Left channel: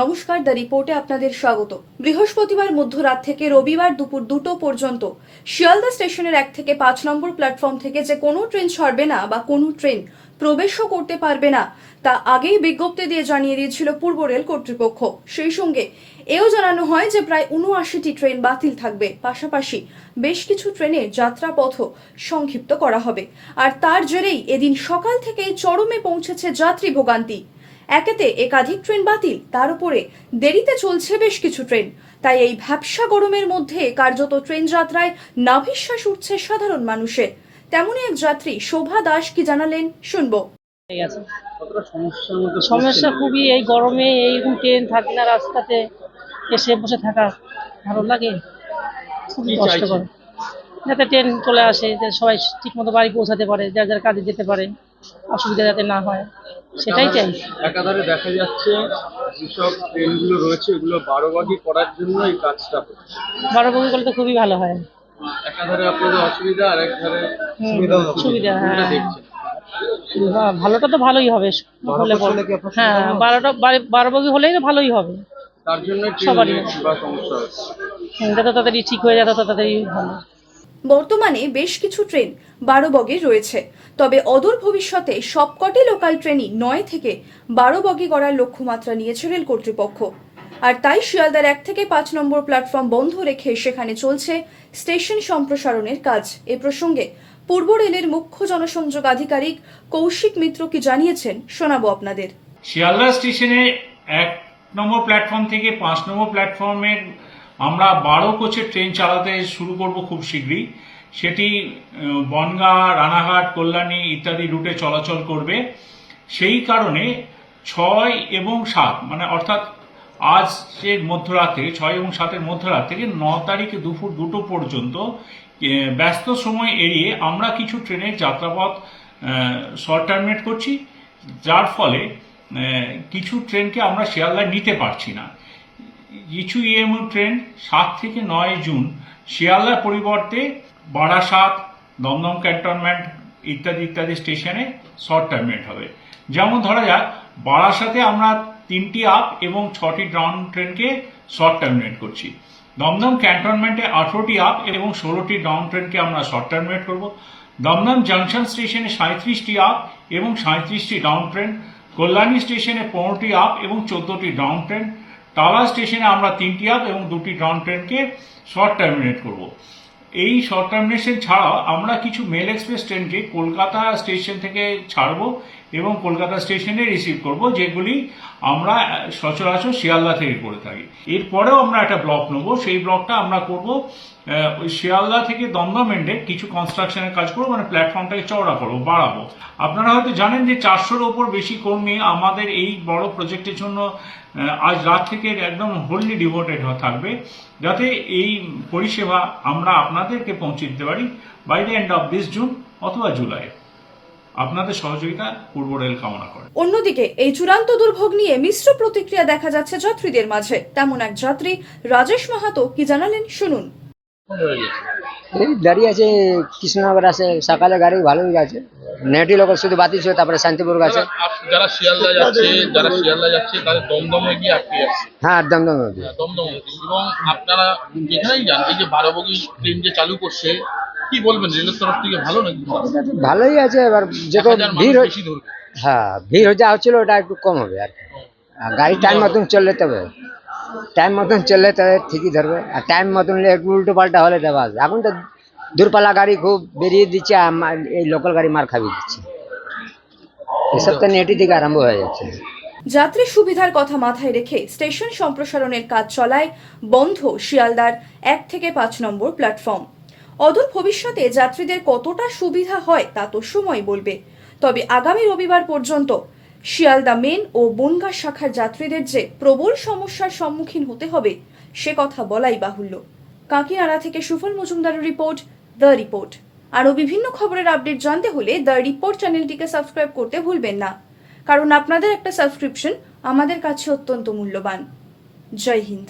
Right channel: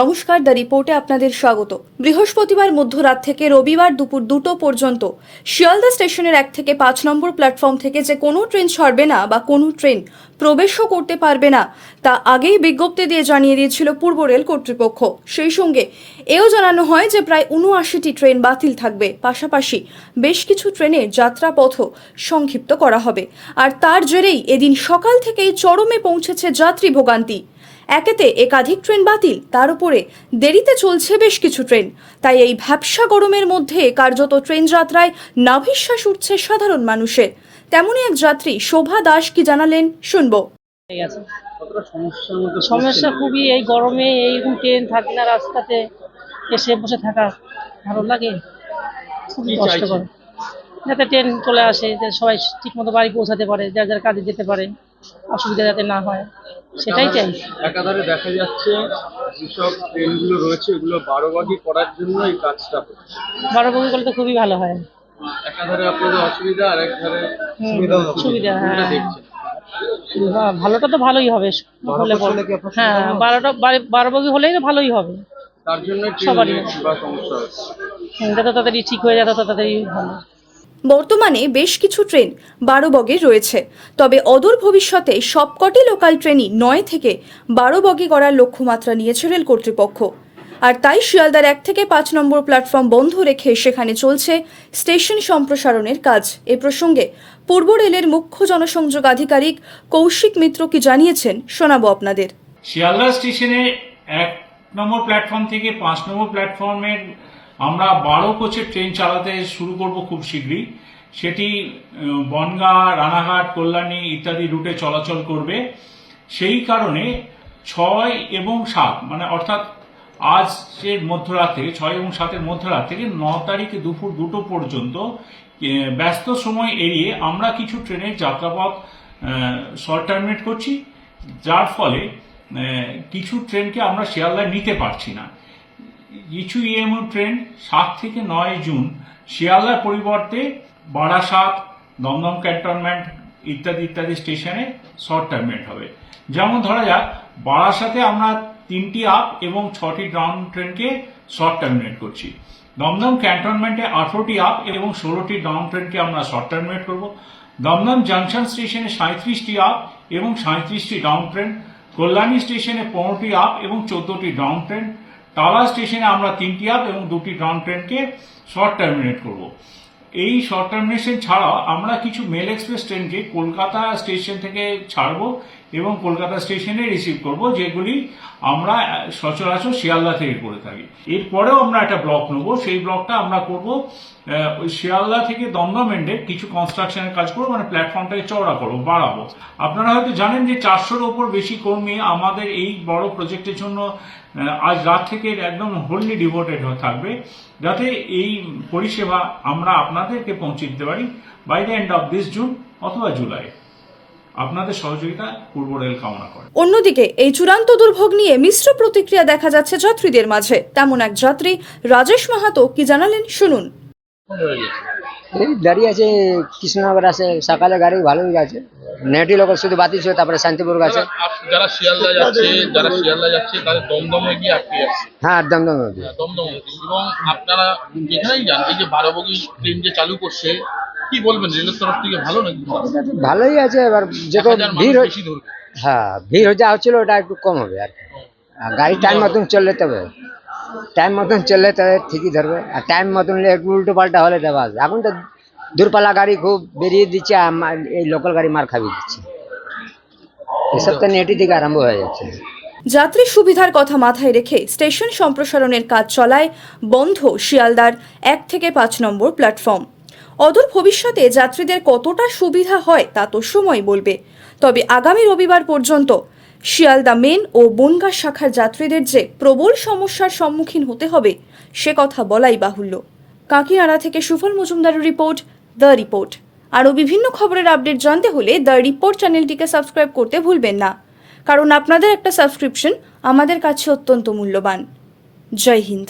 নমস্কার, দ্য রিপোর্টে আপনাদের স্বাগত। বৃহস্পতিবার মধ্যরাত থেকে রবিবার দুপুর দুটো পর্যন্ত শিয়ালদা স্টেশনের এক থেকে পাঁচ নম্বর প্ল্যাটফর্ম থেকে যে কোনো ট্রেন ছাড়বে না বা কোনো ট্রেন প্রবেশও করতে পারবে না, তা আগেই বিজ্ঞপ্তি দিয়ে জানিয়ে দিয়েছিল পূর্ব রেল কর্তৃপক্ষ। সেই সঙ্গে এও জানানো হয় যে প্রায় উনআশিটি ট্রেন বাতিল থাকবে। পাশাপাশি বেশ কিছু ট্রেনের যাত্রাপথও সংক্ষিপ্ত করা হবে। আর তার জেরেই এদিন সকাল থেকেই চরমে পৌঁছেছে যাত্রী ভোগান্তি। একেতে একাধিক ট্রেন বাতিল তার উপরে দেরিতে চলছে বেশ কিছু ট্রেন। তাই এই ভ্যাবসা গরমের মধ্যে কার্যত ট্রেন যাত্রায় নাভিশ্বাস উঠছে সাধারণ মানুষে। তেমনই এক যাত্রী শোভা দাস কি জানালেন শুনব। সমস্যা খুবই এই গরমে এইরকম ট্রেন থাকে না রাস্তাতে এসে বসে থাকা ভালো লাগে। খুবই কষ্টকর। যাতে ট্রেন চলে আসে যে সবাই ঠিক মতো বাড়ি পৌঁছাতে পারে যার যার কাজে যেতে পারে। অসুবিধা যাতে না হয় সেটাই চাই। একাধারে দেখা যাচ্ছে যেসব ট্রেনগুলো রয়েছে এগুলো বারো বাগি করার জন্য এই কাজটা হচ্ছে। বড় করলে তো খুবই ভালো হয়। একাধারে আপনাদের অসুবিধা আর একধারে সুবিধা হ্যাঁ। ভালোটা তো ভালোই হবে হলে। হ্যাঁ বারোটা বারো- বারো বগি হলেই তো ভালোই হবে। তার জন্য সবারই। যত তাড়াতাড়ি ঠিক হয়ে যায় তত তাড়াতাড়ি ভালো বর্তমানে বেশ কিছু ট্রেন বারো বগির রয়েছে। তবে অদূর ভবিষ্যতে সবকটি লোকাল ট্রেনই নয় থেকে বারো বগি করার লক্ষ্যমাত্রা নিয়েছে রেল কর্তৃপক্ষ। আর তাই শিয়ালদার এক থেকে পাঁচ নম্বর প্ল্যাটফর্ম বন্ধ রেখে সেখানে চলছে স্টেশন সম্প্রসারণের কাজ। এ প্রসঙ্গে পূর্ব রেলের মুখ্য জনসংযোগ আধিকারিক কৌশিক মিত্র কি জানিয়েছেন শোনাবো আপনাদের। শিয়ালদা স্টেশনে এক নম্বর প্ল্যাটফর্ম থেকে পাঁচ নম্বর প্ল্যাটফর্মের আমরা বারো কোচের ট্রেন চালাতে শুরু করব খুব শীঘ্রই। সেটি বনগাঁ, রানাঘাট, কল্যাণী ইত্যাদি রুটে চলাচল করবে। সেই কারণে ছয় এবং সাত মানে অর্থাৎ আজের মধ্যরাত, ছয় এবং সাতের মধ্যরাত থেকে ন তারিখ দুপুর দুটো পর্যন্ত ব্যস্ত সময় এড়িয়ে আমরা কিছু ট্রেনের যাত্রাপথ শর্ট টার্মিনেট করছি। যার ফলে কিছু ট্রেনকে আমরা শিয়ালদায় নিতে পারছি না। কিছু ইএমইউ ট্রেন সাত থেকে নয় জুন শিয়ালদার পরিবর্তে বারাসাত, দমদম ক্যান্টনমেন্ট ইত্যাদি ইত্যাদি স্টেশনে শর্ট টার্মিনেট হবে। যেমন ধরা যাক, বারাসাতে আমরা তিনটি আপ এবং ছটি ডাউন ট্রেনকে শর্ট টার্মিনেট করছি। দমদম ক্যান্টনমেন্টে আঠারোটি আপ এবং ষোলোটি ডাউন ট্রেনকে আমরা শর্ট টার্মিনেট করব। দমদম জাংশন স্টেশনে সাঁত্রিশটি আপ এবং সাঁত্রিশটি ডাউন ট্রেন। কল্যাণী স্টেশনে পনেরোটি আপ এবং চোদ্দটি ডাউন ট্রেন। টালা স্টেশনে আমরা তিনটি আপ এবং দুটি ডাউন ট্রেনকে শর্ট টার্মিনেট করব। এই শর্ট টার্মিনেশন ছাড়াও আমরা কিছু মেল এক্সপ্রেস ট্রেনকে কলকাতা স্টেশন থেকে ছাড়বো এবং কলকাতা স্টেশনে রিসিভ করব, যেগুলি আমরা সচরাচর শিয়ালদা থেকে করে থাকি। এরপরেও আমরা একটা ব্লক নেব, সেই ব্লকটা আমরা করব ওই শিয়ালদা থেকে দমদম এন্ডে কিছু কনস্ট্রাকশনের কাজ করব মানে প্ল্যাটফর্মটাকে চওড়া করব, বাড়াবো। আপনারা হয়তো জানেন যে চারশোর ওপর বেশি কর্মী আমাদের এই বড় প্রজেক্টের জন্য আজ রাত থেকে একদম হোললি ডিভোটেড থাকবে, যাতে এই পরিষেবা আমরা আপনাদেরকে পৌঁছে দিতে পারি by the end of this June অথবা জুলাই আপনাদের সহযোগিতা পূর্ব রেল কামনা করে। অন্যদিকে এই চূড়ান্ত দুর্ভোগ নিয়ে মিশ্র প্রতিক্রিয়া দেখা যাচ্ছে যাত্রীদের মাঝে। তেমন এক যাত্রী রাজেশ মাহাতো কি জানালেন শুনুন। এই দাঁড়িয়ে আছে কৃষ্ণনগর আছে সকালে গাড়ি ভালোই গেছে নেটি লোক শুধু বাতিল ছিল তারপরে শান্তিপুর গেছে। যারা শিয়ালদা যাচ্ছে যারা শিয়ালদা যাচ্ছে তাদের দমদমে গিয়ে আটকে যাচ্ছে হ্যাঁ দমদম। দমদম এবং আপনারা যেখানেই যান এই যে বারো বগি ট্রেন যে চালু করছে কি বলবেন রেলের তরফ থেকে ভালো নাকি? ভালোই আছে এবার যত ভিড় হয়- হ্যাঁ ভিড় যা হচ্ছিল ওটা একটু কম হবে আর গাড়ি টাইম মতন চললে তবে টাইম মতন চললে তাহলে ঠিকই ধরবে। আর টাইম মতন একটু উল্টো পাল্টা হলে তবে আসবে এখন তো দূরপাল্লা গাড়ি খুব বেরিয়ে দিচ্ছে এই লোকাল গাড়ি মার খাবি দিচ্ছে। এসব তো নেটি থেকে আরম্ভ হয়ে যাচ্ছে। যাত্রী সুবিধার কথা মাথায় রেখে স্টেশন সম্প্রসারণের কাজ চলায় বন্ধ শিয়ালদার এক থেকে পাঁচ নম্বর প্ল্যাটফর্ম অদূর ভবিষ্যতে যাত্রীদের কতটা সুবিধা হয় তা তো সময় বলবে। তবে আগামী রবিবার পর্যন্ত শিয়ালদা মেন ও বনগা শাখার যাত্রীদের যে প্রবল সমস্যার সম্মুখীন হতে হবে, সে কথা বলাই বাহুল্য। কাকিনাড়া থেকে সুফল মজুমদারের রিপোর্ট, দ্য রিপোর্ট। আরও বিভিন্ন খবরের আপডেট জানতে হলে দ্য রিপোর্ট চ্যানেলটিকে সাবস্ক্রাইব করতে ভুলবেন না। কারণ আপনাদের একটা সাবস্ক্রিপশন আমাদের কাছে অত্যন্ত মূল্যবান। জয় হিন্দ।